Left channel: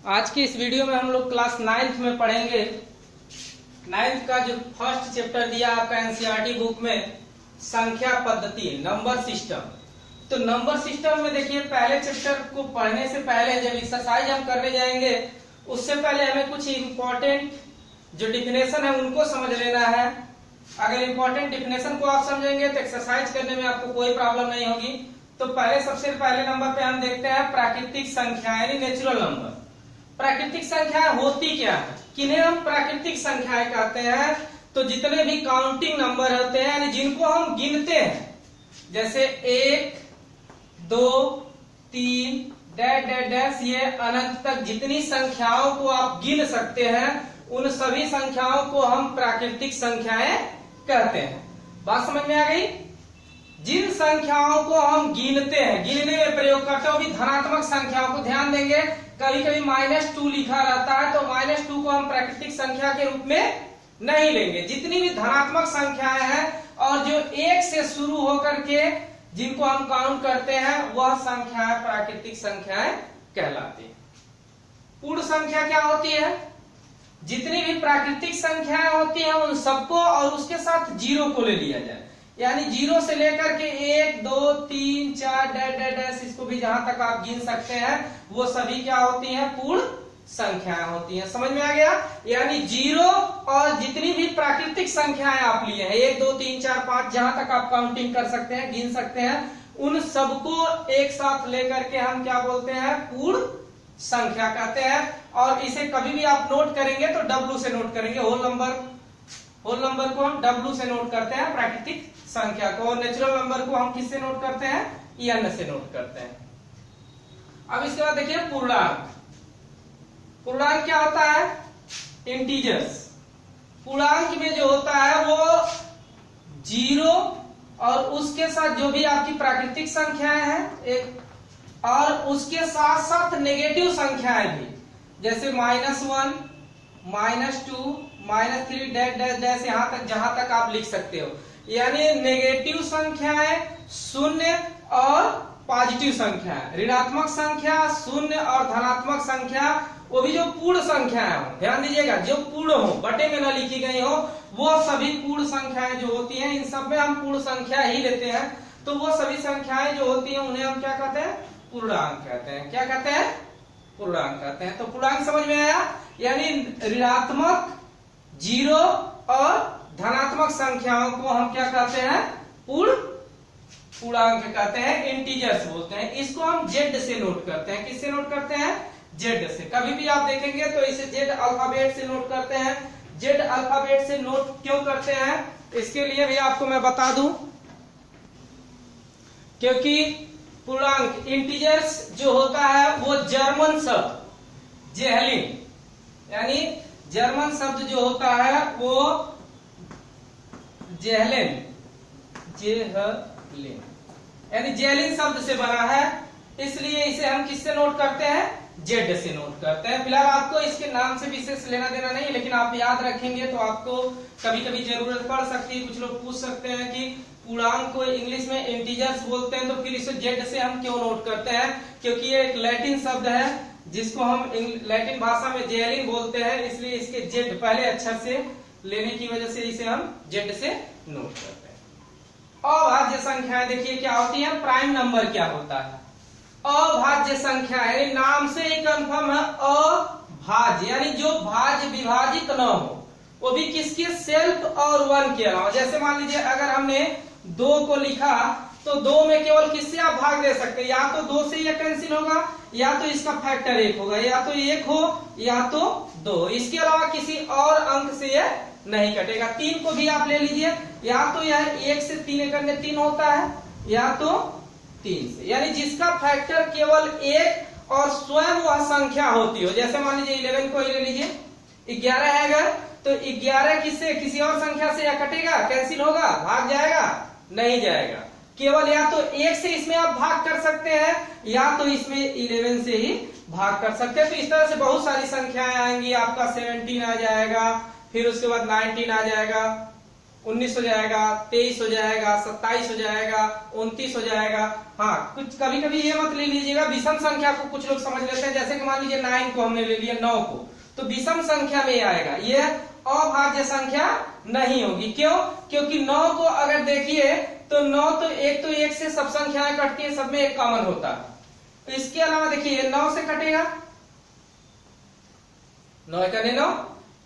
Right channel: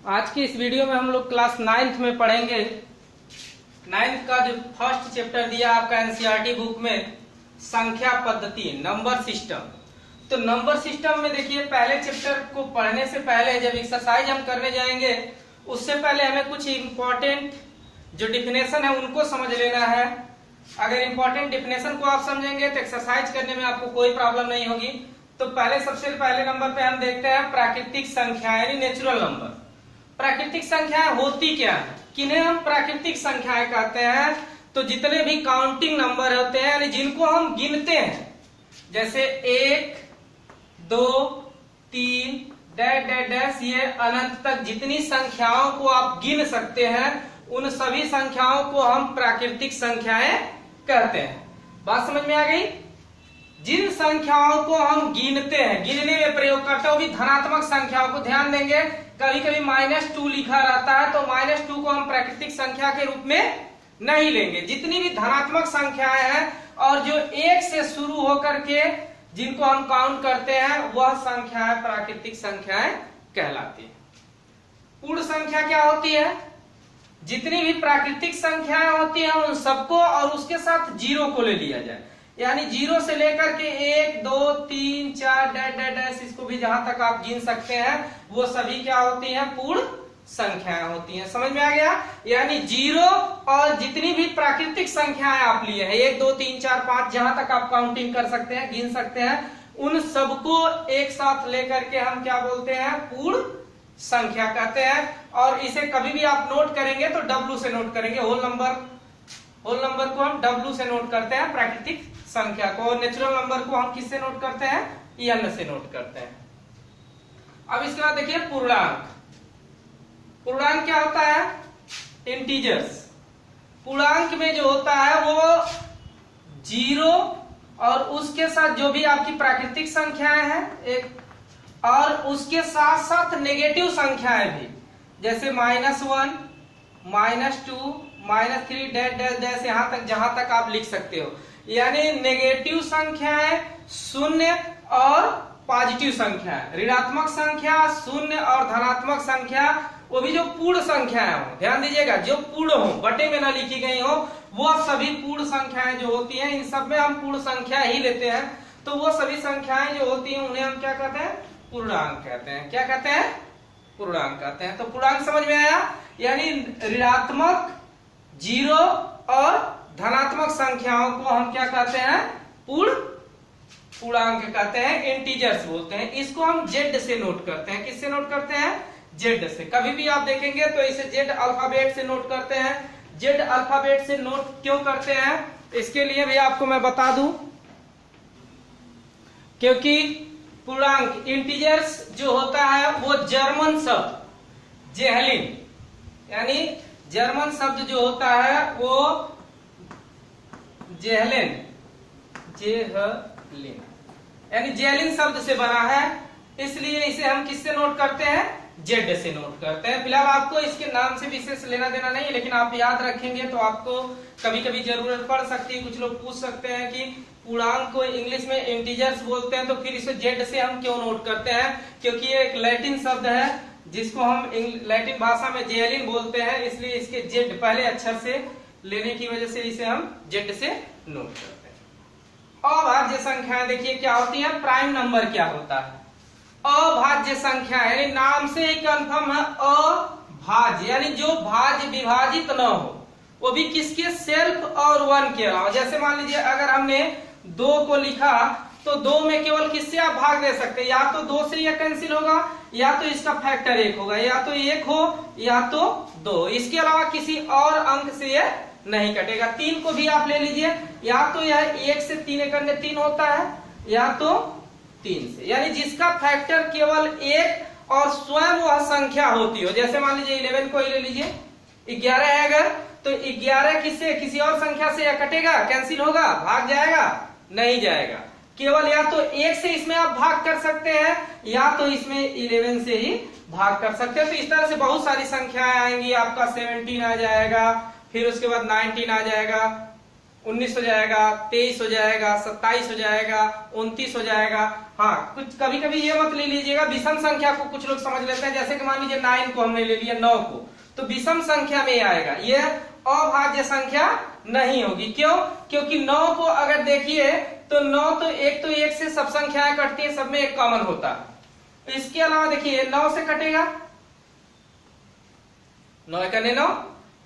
आज की इस वीडियो में हम लोग क्लास 9th में पढ़ेंगे। 9th का जो फर्स्ट चैप्टर दिया आपका एनसीईआरटी बुक में, संख्या पद्धति, नंबर सिस्टम। तो नंबर सिस्टम में देखिए, पहले चैप्टर को पढ़ने से पहले जब एक्सरसाइज हम करने जाएंगे उससे पहले हमें कुछ इम्पोर्टेंट जो डिफिनेशन है उनको समझ लेना है। अगर इम्पोर्टेंट डिफिनेशन को आप समझेंगे तो एक्सरसाइज करने में आपको कोई प्रॉब्लम नहीं होगी। तो सबसे पहले नंबर पे हम देखते हैं प्राकृतिक संख्या यानी नेचुरल नंबर। प्राकृतिक संख्याएं होती क्या है, किन्हें हम प्राकृतिक संख्याएं कहते हैं? तो जितने भी काउंटिंग नंबर होते हैं यानी जिनको हम गिनते हैं, जैसे 1, 2, 3 डैश डैश डैश, ये अनंत तक जितनी संख्याओं को आप गिन सकते हैं उन सभी संख्याओं को हम प्राकृतिक संख्याएं कहते हैं। बात समझ में आ गई? जिन संख्याओं को हम गिनते हैं, गिनने में प्रयोग करते हैं, वो भी धनात्मक संख्याओं को। ध्यान देंगे, कभी कभी -2 लिखा रहता है तो -2 को हम प्राकृतिक संख्या के रूप में नहीं लेंगे। जितनी भी धनात्मक संख्याएं हैं और जो 1 से शुरू होकर के जिनको हम काउंट करते हैं वह संख्याएं प्राकृतिक संख्याएं कहलाती है। पूर्ण संख्या क्या होती है? जितनी भी प्राकृतिक संख्याएं होती हैं उन सबको और उसके साथ 0 को ले लिया जाए, यानी 0 से लेकर के 1, 2, 3, 4 डैश डैश डैश, इसको भी जहां तक आप गिन सकते हैं वो सभी क्या होती हैं? पूर्ण संख्याएं होती हैं। समझ में आ गया? यानी 0 और जितनी भी प्राकृतिक संख्याएं आप लिए हैं, 1, 2, 3, 4, 5, जहां तक आप काउंटिंग कर सकते हैं, गिन सकते हैं, उन सबको एक साथ लेकर के हम क्या बोलते हैं? पूर्ण संख्या कहते हैं। और इसे कभी भी आप नोट करेंगे तो W से नोट करेंगे। होल नंबर को हम W से नोट करते हैं, प्राकृतिक संख्या को। और नेचुरल नंबर को हम किससे नोट करते हैं? N से नोट करते हैं। अब इसके बाद देखिए पूर्णांक। पूर्णांक क्या होता है? इंटीजर्स। पूर्णांक में जो होता है वो 0 और उसके साथ जो भी आपकी प्राकृतिक संख्याएं हैं एक, और उसके साथ साथ नेगेटिव संख्याएं भी, जैसे -1, -2, -3 डैश डैश डैश, यहां तक जहां तक आप लिख सकते हो। यानी नेगेटिव संख्याएं, शून्य और पॉजिटिव संख्या, ऋणात्मक संख्या, शून्य और धनात्मक संख्या, वो भी जो पूर्ण संख्याएं हो, ध्यान दीजिएगा, जो पूर्ण हो, बटे में न लिखी गई हो, वो सभी पूर्ण संख्याएं जो होती हैं, इन सब में हम पूर्ण संख्या ही लेते हैं। तो वो सभी संख्याएं जो होती हैं उन्हें हम क्या कहते हैं? पूर्णांक कहते हैं। क्या कहते हैं? पूर्णांक कहते हैं। तो पूर्णांक समझ में आया? यानी ऋणात्मक, 0 और धनात्मक संख्याओं को हम क्या कहते हैं? पूर्णांक कहते हैं, इंटीजर्स बोलते हैं। इसको हम Z से नोट करते हैं। किससे नोट करते हैं? Z से। कभी भी आप देखेंगे तो इसे Z अल्फाबेट से नोट करते हैं। Z अल्फाबेट से नोट क्यों करते हैं इसके लिए भी आपको मैं बता दूं, क्योंकि पूर्णांक इंटीजर्स जो होता है वो जर्मन शब्द जेहलिन, यानी जर्मन शब्द जो होता है वो जेहलिन यानी जेहलिन शब्द से बना है, इसलिए इसे हम किससे नोट करते हैं? Z से नोट करते हैं। फिलहाल आपको इसके नाम से विशेष लेना देना नहीं, लेकिन आप याद रखेंगे तो आपको कभी कभी जरूरत पड़ सकती है। कुछ लोग पूछ सकते हैं कि पूर्णांक को इंग्लिश में इंटीजर्स बोलते हैं तो फिर इसे Z से हम क्यों नोट करते हैं? क्योंकि ये एक लैटिन शब्द है जिसको हम लैटिन भाषा में जेहलिन बोलते हैं, इसलिए इसके Z पहले अक्षर से लेने की वजह से इसे हम Z से नोट करते हैं। अभाज्य संख्याएं देखिए क्या होती है? प्राइम नंबर क्या होता है? अभाज्य संख्या है, नाम से ही कंफर्म है, अभाज्य यानी जो भाज्य विभाजित न हो, वो भी किसके? सेल्फ और 1 के अलावा। जैसे मान लीजिए अगर हमने 2 को लिखा तो 2 में केवल किससे आप भाग दे सकते हैं? या तो 2 से यह कैंसिल होगा, या तो इसका फैक्टर 1 होगा, या तो 1 हो या तो 2। इसके अलावा किसी और अंक से यह नहीं कटेगा। 3 को भी आप ले लीजिए, या तो यह 1 से 3 करने 3 होता है, या तो 3 से, यानी जिसका फैक्टर केवल 1 और स्वयं वह संख्या होती हो। जैसे मान लीजिए 11 को ही ले लीजिए, 11 है अगर, तो 11 किससे? किसी और संख्या से या कटेगा, कैंसिल होगा, भाग जाएगा? नहीं जाएगा। केवल या तो 1 से इसमें आप भाग कर सकते हैं, या तो इसमें 11 से ही भाग कर सकते हैं। तो इस तरह से बहुत सारी संख्याएं आएंगी। आपका 17 आ जाएगा, फिर उसके बाद 19 आ जाएगा, 19 हो जाएगा, 23 हो जाएगा, 27 हो जाएगा, 29 हो जाएगा। हाँ, कुछ कभी कभी ये मत ले लीजिएगा, विषम संख्या को कुछ लोग समझ लेते हैं, जैसे कि मान लीजिए 9 को हमने ले लिया, 9 को, तो विषम संख्या में आएगा, ये अभाज्य संख्या नहीं होगी। क्यों? क्योंकि 9 को अगर देखिए तो 9 तो एक से सब संख्याएं कटती है, सब में एक कॉमन होता है। इसके अलावा देखिए 9 से कटेगा, 9 कटे 9,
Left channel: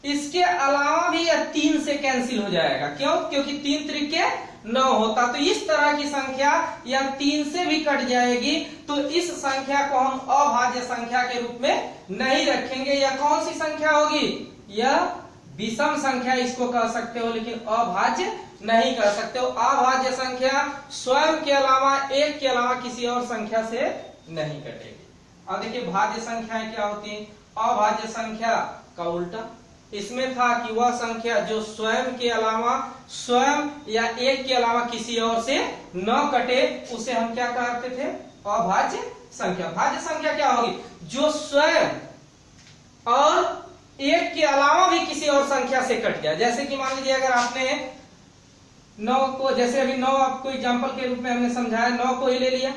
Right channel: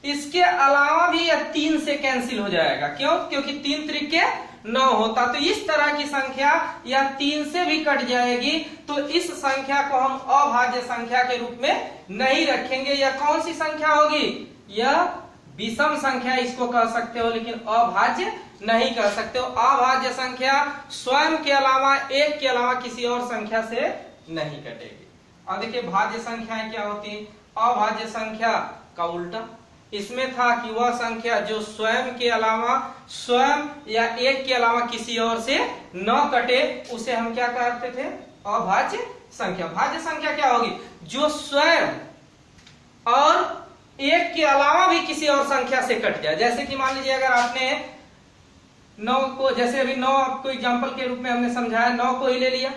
इसके अलावा भी यह 3 से कैंसिल हो जाएगा। क्यों? क्योंकि 3 त्रिके 9 होता, तो इस तरह की संख्या या 3 से भी कट जाएगी, तो इस संख्या को हम अभाज्य संख्या के रूप में नहीं रखेंगे। यह कौन सी संख्या होगी? यह विषम संख्या इसको कह सकते हो, लेकिन अभाज्य नहीं कह सकते हो। अभाज्य संख्या स्वयं के अलावा, एक के अलावा किसी और संख्या से नहीं कटेगी। अब देखिए भाज्य संख्याएं क्या होती है। अभाज्य संख्या का उल्टा, इसमें था कि वह संख्या जो स्वयं के अलावा, स्वयं या एक के अलावा किसी और से न कटे, उसे हम क्या कहते थे? अभाज्य संख्या। भाज्य संख्या क्या होगी? जो स्वयं और एक के अलावा भी किसी और संख्या से कट गया। जैसे कि मान लीजिए अगर आपने 9 को, जैसे अभी 9 आपको एग्जांपल के रूप में हमने समझाया, 9 को ही ले लिया,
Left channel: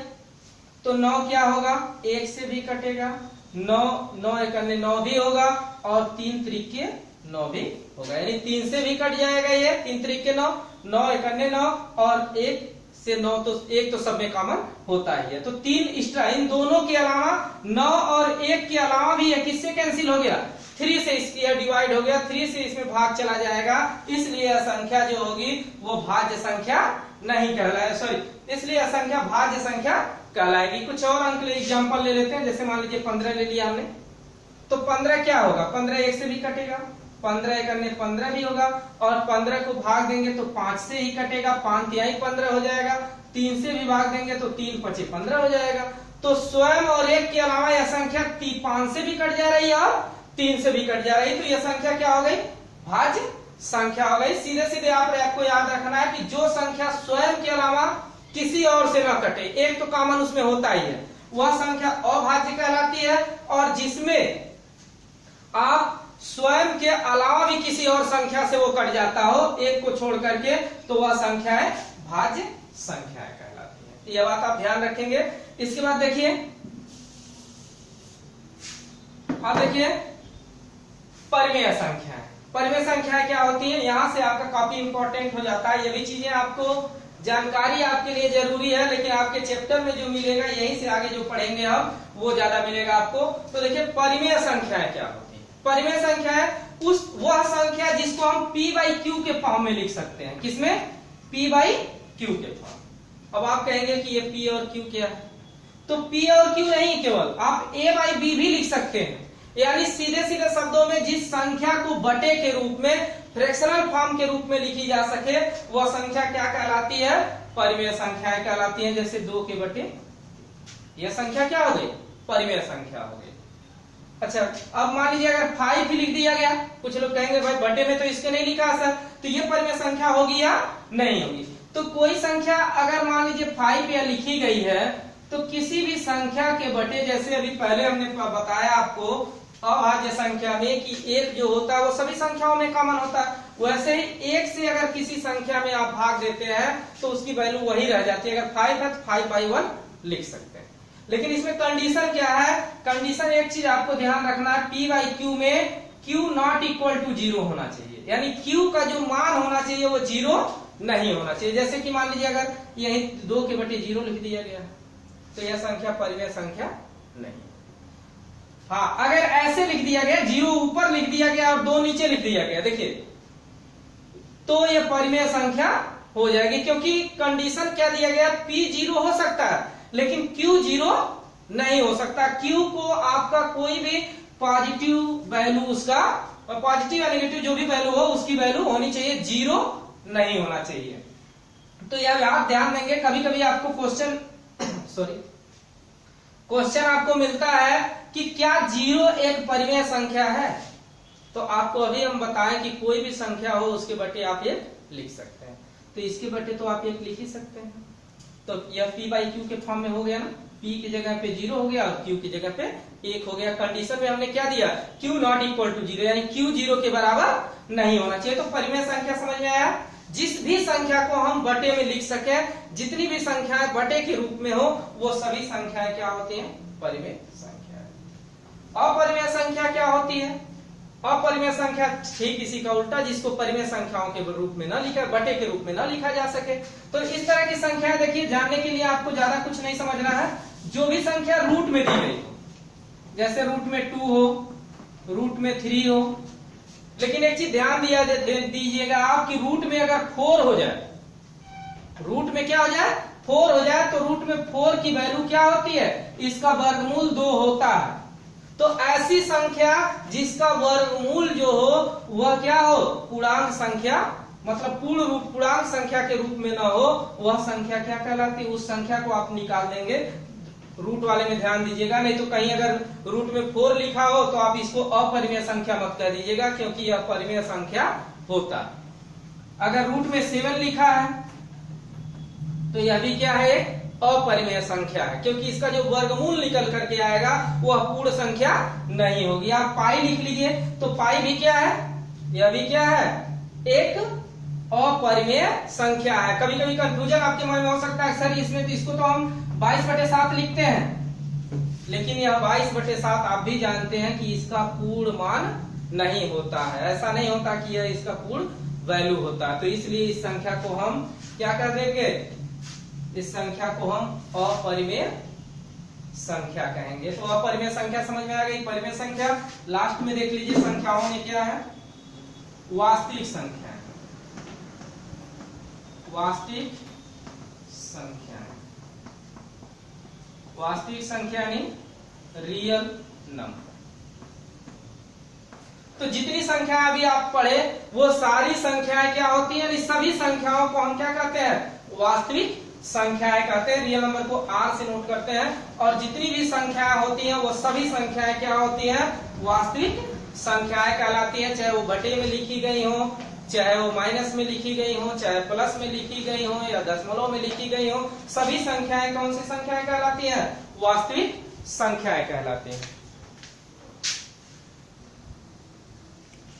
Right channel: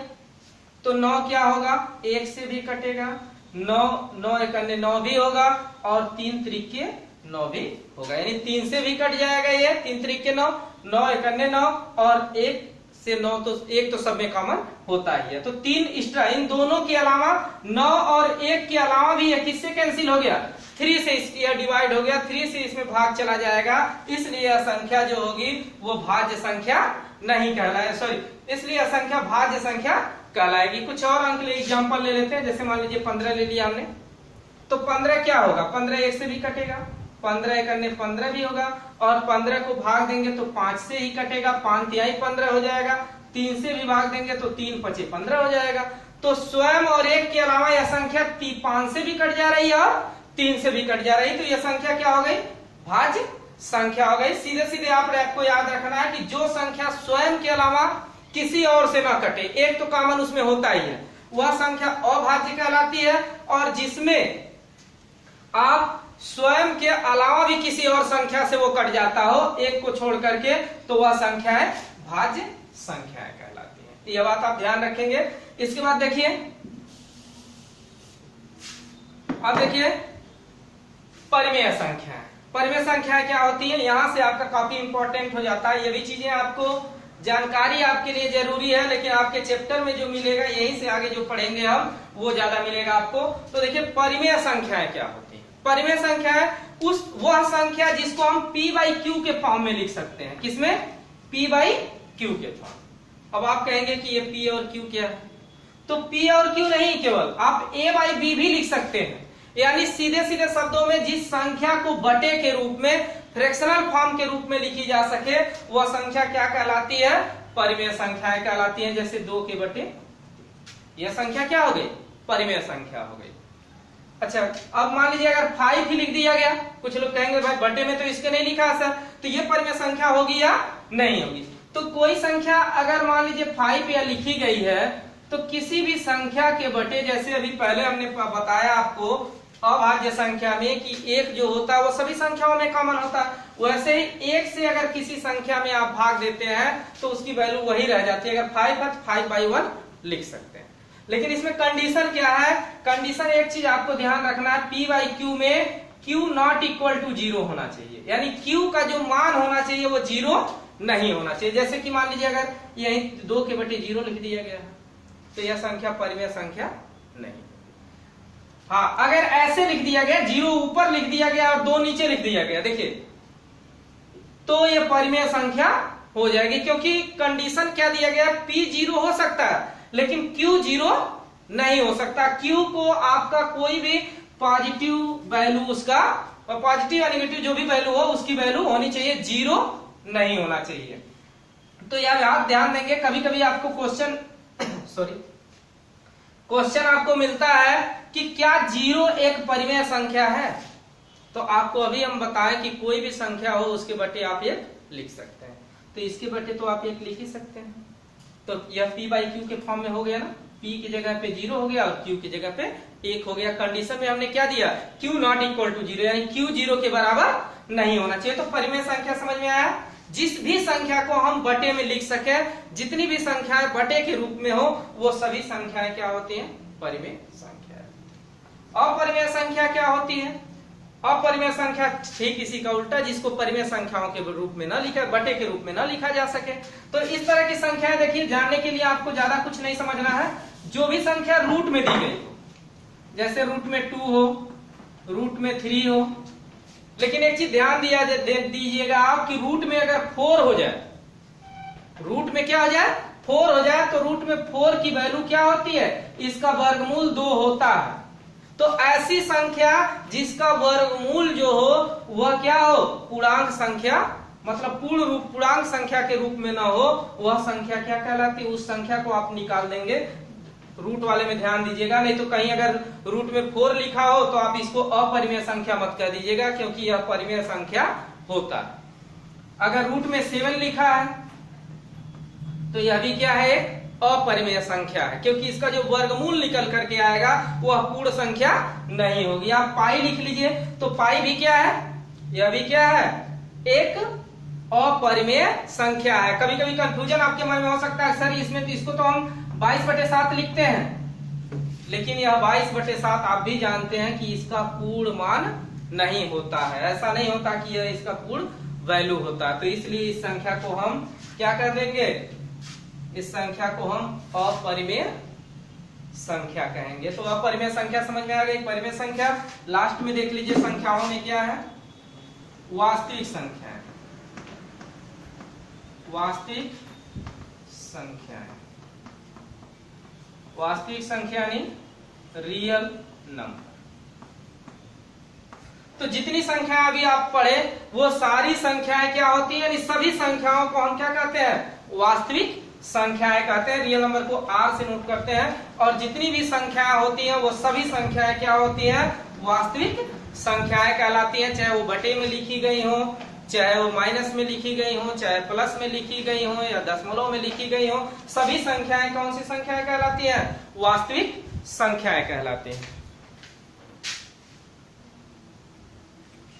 तो 9 क्या होगा? 1 से भी कटेगा, 9 एक अन्य 9 भी होगा, और 3 त्रिके 9 भी होगा, यानी 3 से भी कट जाएगा ये, 3 त्रिके 9, 9 एक अन्य 9, और 1 से 9 तो 1 तो सब में कॉमन होता ही है। तो 3 एक्स्ट्रा, इन दोनों के अलावा 9 और 1 के अलावा भी यह किससे कैंसिल हो गया? 3 से इसकी डिवाइड हो गया, 3 से इसमें भाग चला जाएगा, इसलिए यह संख्या जो होगी वो भाज्य संख्या नहीं कहलाए, सॉरी, इसलिए यह संख्या भाज्य संख्या कहलाएगी। कुछ और अंक एग्जाम्पल ले लेते हैं, जैसे मान लीजिए 15 ले लिया हमने, तो 15 क्या होगा? 15 1 से भी कटेगा, 15 एक अन्य 15 भी होगा, और 15 को भाग देंगे तो 5 से ही कटेगा, 5 तिहाई 15 हो जाएगा, 3 से भी भाग देंगे तो 3 पचे 15 हो जाएगा। तो स्वयं और एक के अलावा यह संख्या 5 से भी कट जा रही है और 3 से भी कट जा रही है, तो यह संख्या क्या हो गई? भाज्य संख्या हो गई। सीधे सीधे आपको याद रखना है कि जो संख्या स्वयं के अलावा किसी और से ना कटे, एक तो कॉमन उसमें होता ही है, वह संख्या अभाज्य कहलाती है, और जिसमें आप स्वयं के अलावा भी किसी और संख्या से वो कट जाता हो, एक को छोड़ करके, तो वह संख्या है भाज्य संख्याएं कहलाती है। तो यह बात आप ध्यान रखेंगे। इसके बाद देखिए, अब देखिए परिमेय संख्या। परिमेय संख्या क्या होती है? यहां से आपका काफी इंपॉर्टेंट हो जाता है, ये भी चीजें आपको जानकारी आपके लिए जरूरी है, लेकिन आपके चैप्टर में जो मिलेगा, यहीं से आगे जो पढ़ेंगे हम, वो ज्यादा मिलेगा आपको। तो देखिए परिमेय संख्याएं क्या होती है। परिमेय संख्या है वह संख्या जिसको हम p/q के फॉर्म में लिख सकते हैं। किसमें? p/q के फॉर्म। अब आप कहेंगे कि ये p और q क्या है, तो p और q नहीं, केवल आप a/b भी लिख सकते हैं, यानी सीधे सीधे शब्दों में जिस संख्या को बटे के रूप में, फ्रैक्शनल फॉर्म के रूप में लिखी जा सके, वह संख्या क्या कहलाती है? परिमेय संख्याएं कहलाती हैं। जैसे 2 के बटे, यह संख्या क्या हो गई? परिमेय संख्या हो गई। अच्छा, अब मान लीजिए अगर 5 ही लिख दिया गया, कुछ लोग कहेंगे भाई बटे में तो इसके नहीं लिखा सर, तो ये परिमेय संख्या होगी या नहीं होगी? तो कोई संख्या अगर मान लीजिए 5 या लिखी गई है, तो किसी भी संख्या के बटे, जैसे अभी पहले हमने बताया आपको अभाज्य संख्या में कि 1 जो होता है वो सभी संख्याओं में कॉमन होता है, वैसे ही 1 से अगर किसी संख्या में आप भाग देते हैं तो उसकी वैल्यू वही रह जाती है। अगर 5 है तो 5/1 लिख सकते हैं। लेकिन इसमें कंडीशन क्या है? कंडीशन एक चीज आपको ध्यान रखना है, p/q में q नॉट इक्वल टू 0 होना चाहिए, यानी q का जो मान होना चाहिए वो 0 नहीं होना चाहिए। जैसे कि मान लीजिए अगर यही 2 के बटे 0 लिख दिया गया है, तो यह संख्या परिमेय संख्या नहीं। हाँ, अगर ऐसे लिख दिया गया, 0 ऊपर लिख दिया गया और 2 नीचे लिख दिया गया, देखिए, तो यह परिमेय संख्या हो जाएगी, क्योंकि कंडीशन क्या दिया गया? p 0 हो सकता है, लेकिन q 0 नहीं हो सकता। q को आपका कोई भी पॉजिटिव वैल्यू, उसका पॉजिटिव या नेगेटिव जो भी वैल्यू हो, उसकी वैल्यू होनी चाहिए, 0 नहीं होना चाहिए। तो यार आप ध्यान देंगे, कभी कभी आपको क्वेश्चन आपको मिलता है कि क्या 0 एक परिमेय संख्या है, तो आपको अभी हम बताएं कि कोई भी संख्या हो उसके बटे आप 1 लिख सकते हैं, तो इसके बटे तो आप 1 लिख ही सकते हैं। तो यह p/q के फॉर्म में हो गया ना, p की जगह पे 0 हो गया और q की जगह पे 1 हो गया। कंडीशन में हमने क्या दिया? q नॉट इक्वल टू 0, यानी q 0 के बराबर नहीं होना चाहिए। तो परिमेय संख्या समझ में आया। जिस भी संख्या को हम बटे में लिख सके, जितनी भी संख्याएं बटे के रूप में हो वो सभी संख्याएं क्या होती हैं? परिमेय संख्या। अपरिमेय संख्या क्या होती है? अपरिमेय संख्या ठीक इसी का उल्टा, जिसको परिमेय संख्याओं के रूप में न लिखा, बटे के रूप में न लिखा जा सके। तो इस तरह की संख्याएं देखिए, जानने के लिए आपको ज्यादा कुछ नहीं समझना है। जो भी संख्या रूट में दी गई हो, जैसे रूट में 2 हो, रूट में 3 हो, लेकिन एक चीज ध्यान दीजिएगा आप कि रूट में अगर 4 हो जाए, रूट में क्या हो जाए? 4 हो जाए, तो रूट में 4 की वैल्यू क्या होती है? इसका वर्गमूल 2 होता है। तो ऐसी संख्या जिसका वर्गमूल जो हो वह क्या हो? पूर्णांक संख्या, मतलब पूर्णांक संख्या के रूप में ना हो, वह संख्या क्या कहलाती है? उस संख्या को आप निकाल देंगे। रूट वाले में ध्यान दीजिएगा, नहीं तो कहीं अगर रूट में 4 लिखा हो तो आप इसको अपरिमेय संख्या मत कह दीजिएगा, क्योंकि यह परिमेय संख्या होता है। अगर रूट में 7 लिखा है तो यह भी क्या है? अपरिमेय संख्या है, क्योंकि इसका जो वर्गमूल निकल करके आएगा वह पूर्ण संख्या नहीं होगी। आप पाई लिख लीजिए, तो पाई भी क्या है? यह भी क्या है? एक अपरिमेय संख्या है। कभी कभी कंफ्यूजन आपके मन में हो सकता है, सर इसमें तो इसको तो हम 22/7 लिखते हैं, लेकिन यह 22/7 आप भी जानते हैं कि इसका पूर्ण मान नहीं होता है। ऐसा नहीं होता कि यह इसका पूर्ण वैल्यू होता है। तो इसलिए इस संख्या को हम क्या कर देंगे? इस संख्या को हम अपरिमेय संख्या कहेंगे। तो अपरिमेय संख्या समझ में आ गई। परिमेय संख्या लास्ट में देख लीजिए, संख्याओं में क्या है? वास्तविक संख्या है, वास्तविक संख्या, वास्तविक संख्या यानी रियल नंबर। तो जितनी संख्या अभी आप पढ़े वो सारी संख्याएं क्या होती हैं? सभी संख्याओं को हम क्या कहते हैं? वास्तविक संख्याएं कहते हैं। रियल नंबर को आर से नोट करते हैं। और जितनी भी संख्याएं होती हैं वो सभी संख्याएं क्या होती हैं? वास्तविक संख्याएं कहलाती हैं। चाहे वो बटे में लिखी गई हो, चाहे वो माइनस में लिखी गई हो, चाहे प्लस में लिखी गई हो, या दशमलव में लिखी गई हो, सभी संख्याएं कौन सी संख्याएं कहलाती हैं? वास्तविक संख्याएं कहलाती हैं।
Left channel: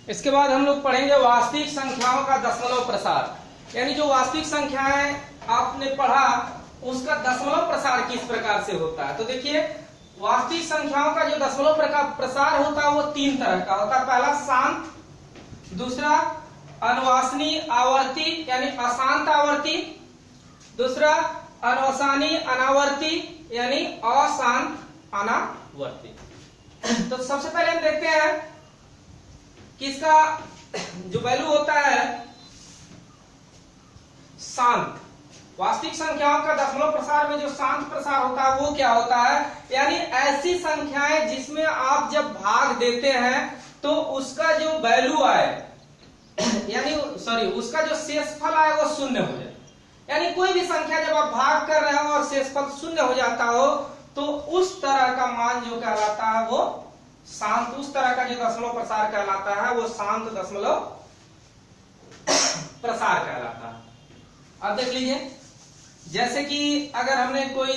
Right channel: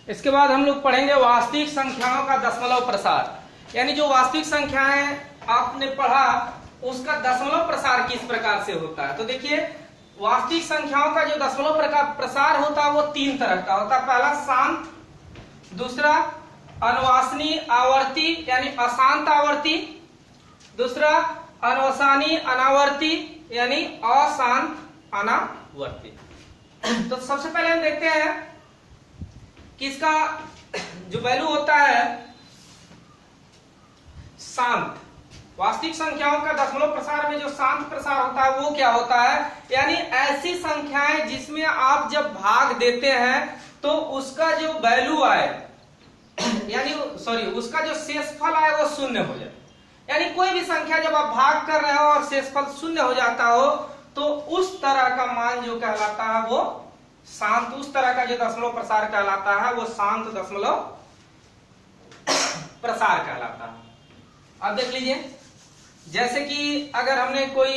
इसके बाद हम लोग पढ़ेंगे वास्तविक संख्याओं का दशमलव प्रसार, यानी जो वास्तविक संख्याएं आपने पढ़ा उसका दशमलव प्रसार किस प्रकार से होता है। तो देखिए, वास्तविक संख्याओं का जो दशमलव प्रसार होता है वो 3 तरह का होता है। पहला शांत, दूसरा अनुवासनी आवर्ती यानी अशांत आवर्ती, दूसरा अनुवसानी अनावर्ती यानी अशांत अनावर्ती। तो सबसे पहले हम देखते हैं कि इसका जो वैल्यू होता है शांत, वास्तविक संख्याओं का दशमलव प्रसार में जो शांत प्रसार होता है वो क्या होता है? यानी ऐसी संख्याएं जिसमें आप जब भाग देते हैं तो उसका जो वैल्यू आए, यानी उसका जो शेषफल आए वो 0 हो जाए। यानी कोई भी संख्या जब आप भाग कर रहे हो और शेषफल 0 हो जाता हो तो उस तरह का मान जो कहलाता है वो शांत, उस तरह का जो दशमलव प्रसार कहलाता है वो शांत दशमलव प्रसार कहलाता है। अब देख लीजिए, जैसे कि अगर हमने कोई,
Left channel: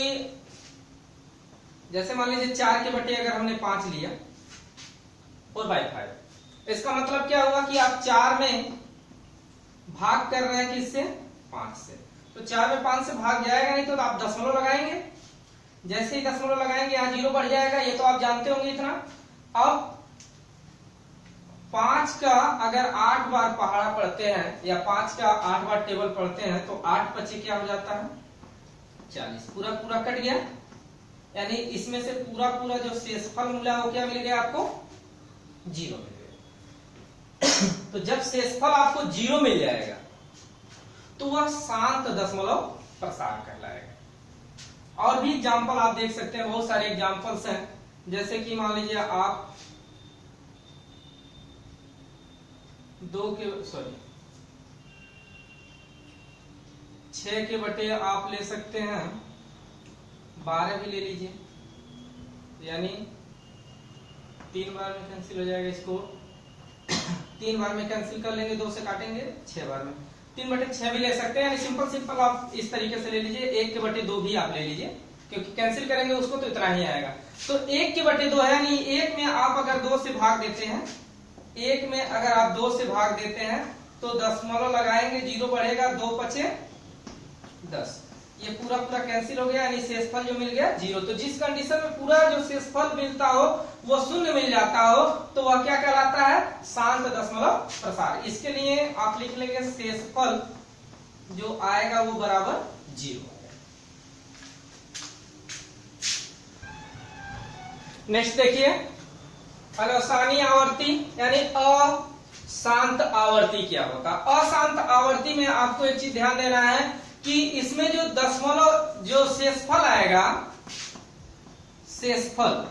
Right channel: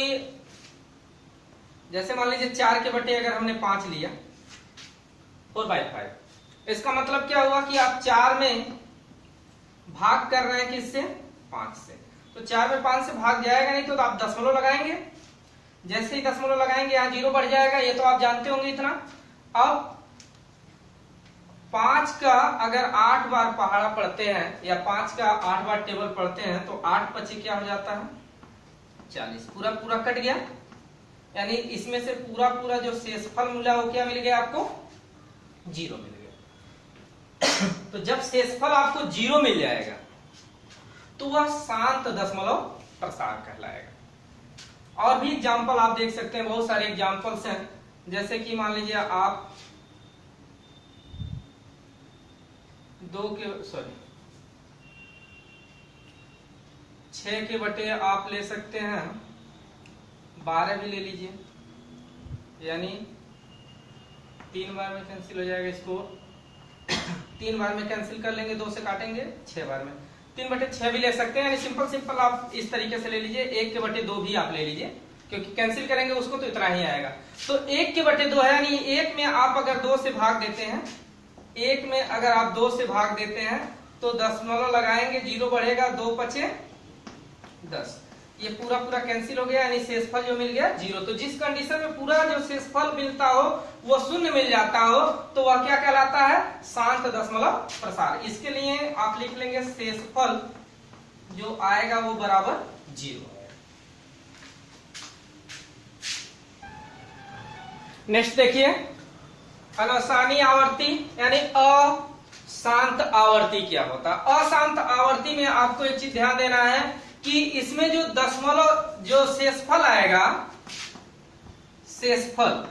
जैसे मान लीजिए 4 के बटे अगर हमने 5 लिया 4/5, इसका मतलब क्या हुआ कि आप 4 में भाग कर रहे हैं किससे? 5 से। तो 4 में 5 से भाग जाएगा नहीं, तो आप दशमलव लगाएंगे। जैसे ही दशमलव लगाएंगे यहाँ 0 बढ़ जाएगा, ये तो आप जानते होंगे इतना। अब 5 का अगर 8 बार पहाड़ा पढ़ते हैं या 5 का 8 बार टेबल पढ़ते हैं तो 8 पची क्या हो जाता है? 40। पूरा पूरा कट गया, यानी इसमें से पूरा पूरा जो शेषफल मिला वो क्या मिल गया आपको? 0 मिल गया। तो जब शेषफल आपको 0 मिल जाएगा तो वह शांत दशमलव प्रसार कहलाएगा। और भी एग्जाम्पल आप देख सकते हैं, बहुत सारे एग्जाम्पल्स हैं। जैसे कि मान लीजिए आप 6 के बटे आप ले सकते हैं 12 भी ले लीजिए, यानी 3 बार में कैंसिल हो जाएगा। इसको 3 बार में कैंसिल कर लेंगे, 2 से काटेंगे 6 बार में, 3/6 भी ले सकते हैं। यानी सिंपल आप इस तरीके से ले लीजिए। 1 के बटे 2 भी आप ले लीजिए, क्योंकि कैंसिल करेंगे उसको तो इतना ही आएगा। तो 1 के बटे 2 है, यानी 1 में आप अगर 2 से भाग देते हैं, 1 में अगर आप 2 से भाग देते हैं तो दशमलव लगाएंगे, 0 बढ़ेगा, 2 पचे 10, ये पूरा पूरा कैंसिल हो गया, यानी शेषफल जो मिल गया 0। तो जिस कंडीशन में पूरा जो शेषफल मिलता हो वो शून्य मिल जाता हो तो वह क्या कहलाता है, शांत दशमलव प्रसार। इसके लिए आप लिख लेंगे शेषफल जो आएगा वो बराबर 0। नेक्स्ट देखिए, अनवसानी आवर्ती यानी अशांत आवर्ती क्या होता है। अशांत आवर्ती में आपको एक चीज ध्यान देना है कि इसमें जो दशमलव जो शेषफल आएगा, शेषफल,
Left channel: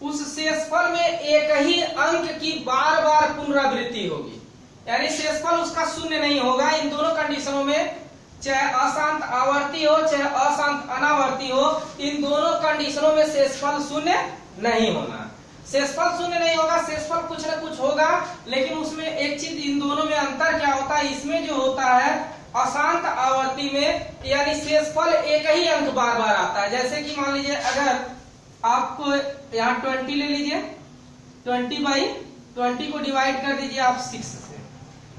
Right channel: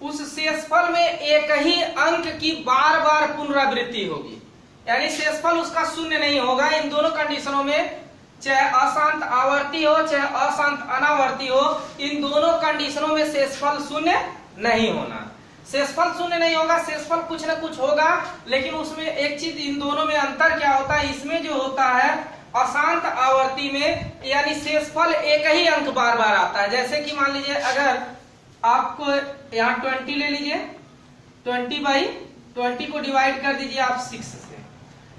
उस शेषफल में एक ही अंक की बार बार पुनरावृत्ति होगी, यानी शेषफल उसका शून्य नहीं होगा। इन दोनों कंडीशनों में, चाहे अशांत आवर्ती हो चाहे अशांत अनावर्ती हो, इन दोनों कंडीशनों में शेषफल शून्य नहीं होना। शेषफल शून्य नहीं होगा, शेषफल कुछ न कुछ होगा, लेकिन उसमें एक चीज, इन दोनों में अंतर क्या होता है, इसमें जो होता है अशांत आवर्ती में यानी शेषफल एक ही अंक बार बार आता है। जैसे कि मान लीजिए अगर आपको यहाँ 20 ले लीजिए, 20/20 को डिवाइड कर दीजिए आप 6 से,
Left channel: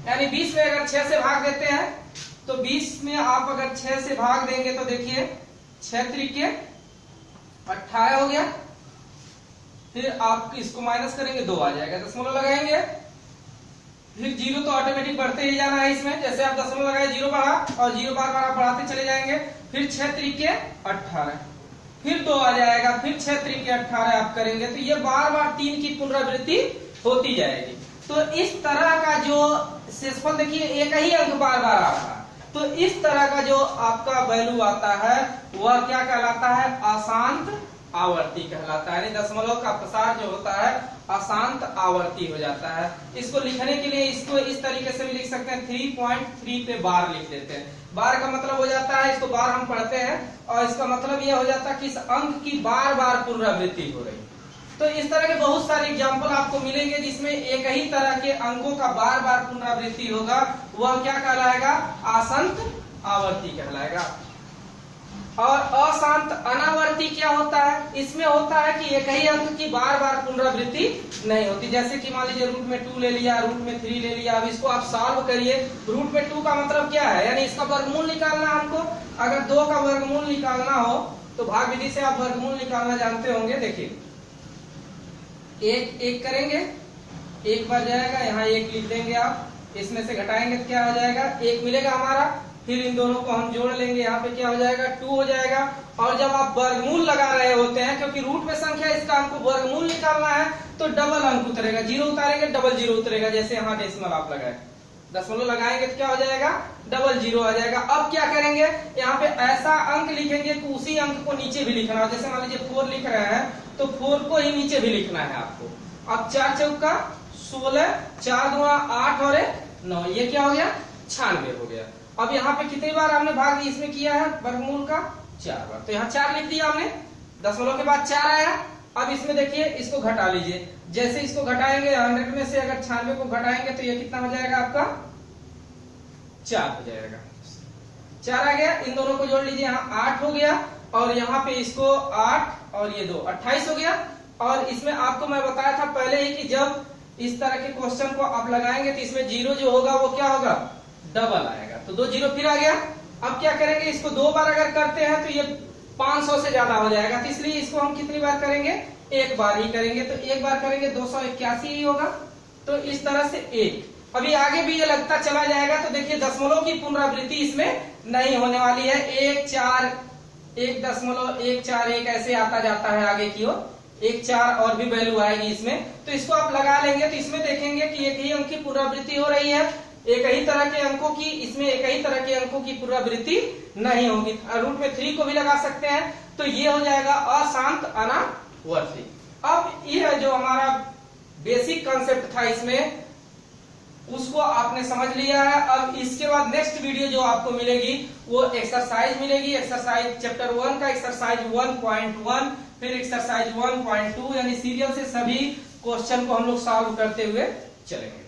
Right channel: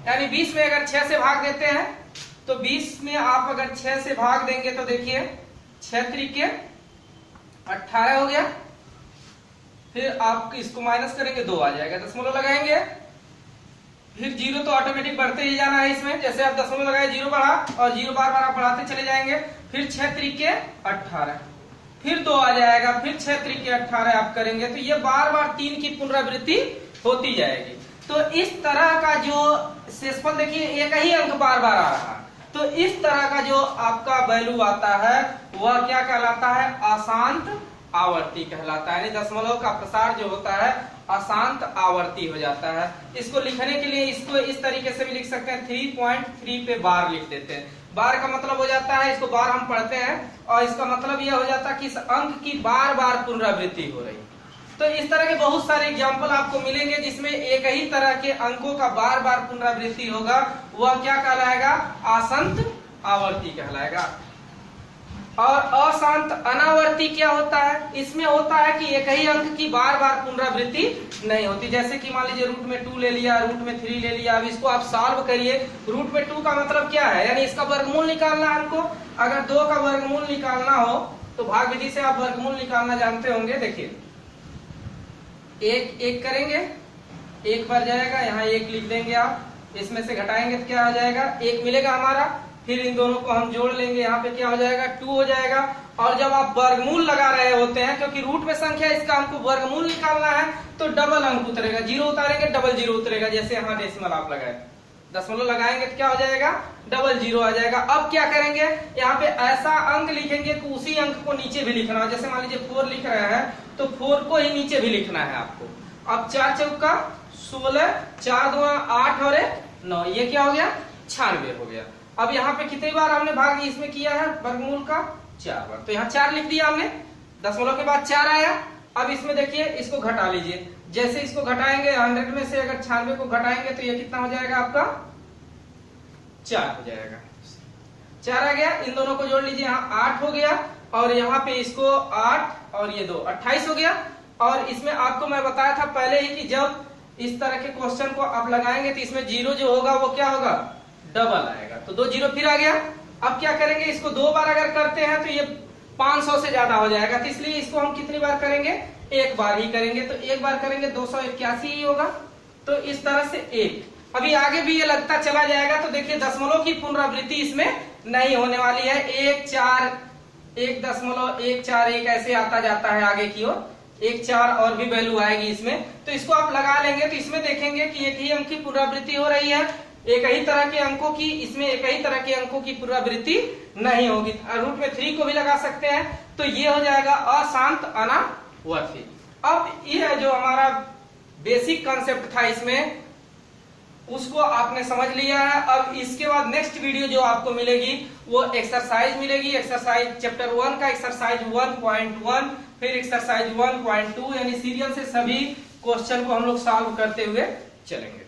यानी 20 में अगर 6 से भाग देते हैं तो 20 में आप अगर 6 से भाग देंगे तो देखिए 6 त्रिके 18 हो गया, फिर आप इसको माइनस करेंगे 2 आ जाएगा, दशमलव लगाएंगे, फिर 0 तो ऑटोमेटिक बढ़ते ही जाना है इसमें। जैसे आप दशमलव लगाए 0 बढ़ा और 0 बार बार आप बढ़ाते चले जाएंगे, फिर 6 त्रिके 18, फिर 2 आ जाएगा, फिर 6 त्रिके 18 आप करेंगे तो ये बार बार 3 की पुनरावृत्ति होती जाएगी। तो इस तरह का जो शेषफल देखिए एक ही अंक बार बार आ रहा है, तो इस तरह का जो आपका वैल्यू आता है वह क्या कहलाता है, अशांत आवर्ती कहलाता है। यानी दशमलव का प्रसार जो होता है अशांत आवर्ती हो जाता है। इसको लिखने के लिए इसको इस तरीके से भी लिख सकते हैं, 3.3 पे बार लिख देते हैं। बार का मतलब हो जाता है, इसको बार हम पढ़ते हैं, और इसका मतलब यह हो जाता है कि इस अंक की बार बार पुनरावृत्ति हो रही। तो इस तरह के बहुत सारे एग्जाम्पल आपको मिलेंगे जिसमें एक ही तरह के अंकों का बार बार पुनरावृत्ति होगा, वह क्या कहलाएगा, अशांत आवर्ती कहलाएगा। और अशांत अनावर्ती क्या होता है, इसमें होता है कि एक ही अंक की बार बार पुनरावृत्ति नहीं होती। जैसे कि मान लीजिए रूट में 2 ले लिया, रूट में 3 ले लिया, अब इसको आप सॉल्व करिए। रूट में 2 का मतलब क्या है, यानी इसका वर्गमूल निकालना है हमको। अगर 2 का वर्गमूल निकालना हो तो भाग विधि से आप वर्गमूल निकालना जानते होंगे। देखिए 1 करेंगे, 1 बार जाएगा, यहाँ 1 लिख देंगे आप, इसमें से घटाएंगे तो क्या हो जाएगा, 1 मिलेगा हमारा, फिर इन दोनों को हम जोड़ लेंगे, यहाँ पे क्या हो जाएगा, 2 हो जाएगा। और जब आप वर्गमूल लगा रहे होते हैं, क्योंकि रूट में संख्या इसका हमको वर्गमूल निकालना है, तो डबल अंक उतरेगा, 0 उतारेंगे डबल 0 उतरेगा। जैसे यहाँ डेसिमल आप लगाए, दशमलव लगाएंगे तो क्या हो जाएगा, डबल 0 आ जाएगा। अब क्या करेंगे, यहाँ पे ऐसा अंक लिखेंगे कि उसी अंक को नीचे भी लिखना हो। जैसे मान लीजिए 4 लिख रहे हैं तो 4 को ही नीचे भी लिखना है आपको। अब 4 चौका 16, 4 दूना 8 और 9, ये क्या हो गया, 96 हो गया। अब यहाँ पे कितनी बार हमने भाग इसमें किया है वर्गमूल का, 4 बार, तो यहाँ 4 लिख दिया हमने, दशमलव के बाद 4 आया। अब इसमें देखिए इसको घटा लीजिए, जैसे इसको घटाएंगे 100 में से अगर 96 को घटाएंगे तो ये कितना हो जाएगा आपका, 4 हो जाएगा। 4 आ गया, इन दोनों को जोड़ लीजिए, यहाँ 8 हो गया, और यहाँ पे इसको 8 और ये 2 28 हो गया। और इसमें आपको मैं बताया था पहले ही कि जब इस तरह के क्वेश्चन को आप लगाएंगे तो इसमें 0 जो होगा वो क्या होगा, डबल आएगा, तो 2 0 फिर आ गया। अब क्या करेंगे, इसको 2 बार अगर करते हैं तो ये 500 से ज्यादा हो जाएगा, तो इसलिए इसको हम कितनी बार करेंगे, 1 बार ही करेंगे। तो 1 बार करेंगे 281 ही होगा, तो इस तरह से 1। अभी आगे भी ये लगता चला जाएगा, तो देखिए दशमलव की पुनरावृत्ति इसमें नहीं होने वाली है। 1 4 1.141 ऐसे आता जाता है आगे की ओर, 1 4 और भी वैल्यू आएगी इसमें, तो इसको आप लगा लेंगे तो इसमें देखेंगे कि एक ही अंक की पुनरावृत्ति हो रही है, एक ही तरह के अंकों की, इसमें एक ही तरह के अंकों की पुनरावृत्ति नहीं होगी। रूट में 3 को भी लगा सकते हैं, तो ये हो जाएगा अशांत अनावर्ती। अब ये जो हमारा बेसिक कॉन्सेप्ट था इसमें, उसको आपने समझ लिया है। अब इसके बाद नेक्स्ट वीडियो जो आपको मिलेगी वो एक्सरसाइज मिलेगी, एक्सरसाइज चैप्टर 1 का एक्सरसाइज 1.1, फिर एक्सरसाइज 1.2, यानी सीरियल से सभी क्वेश्चन को हम लोग सॉल्व करते हुए चलेंगे।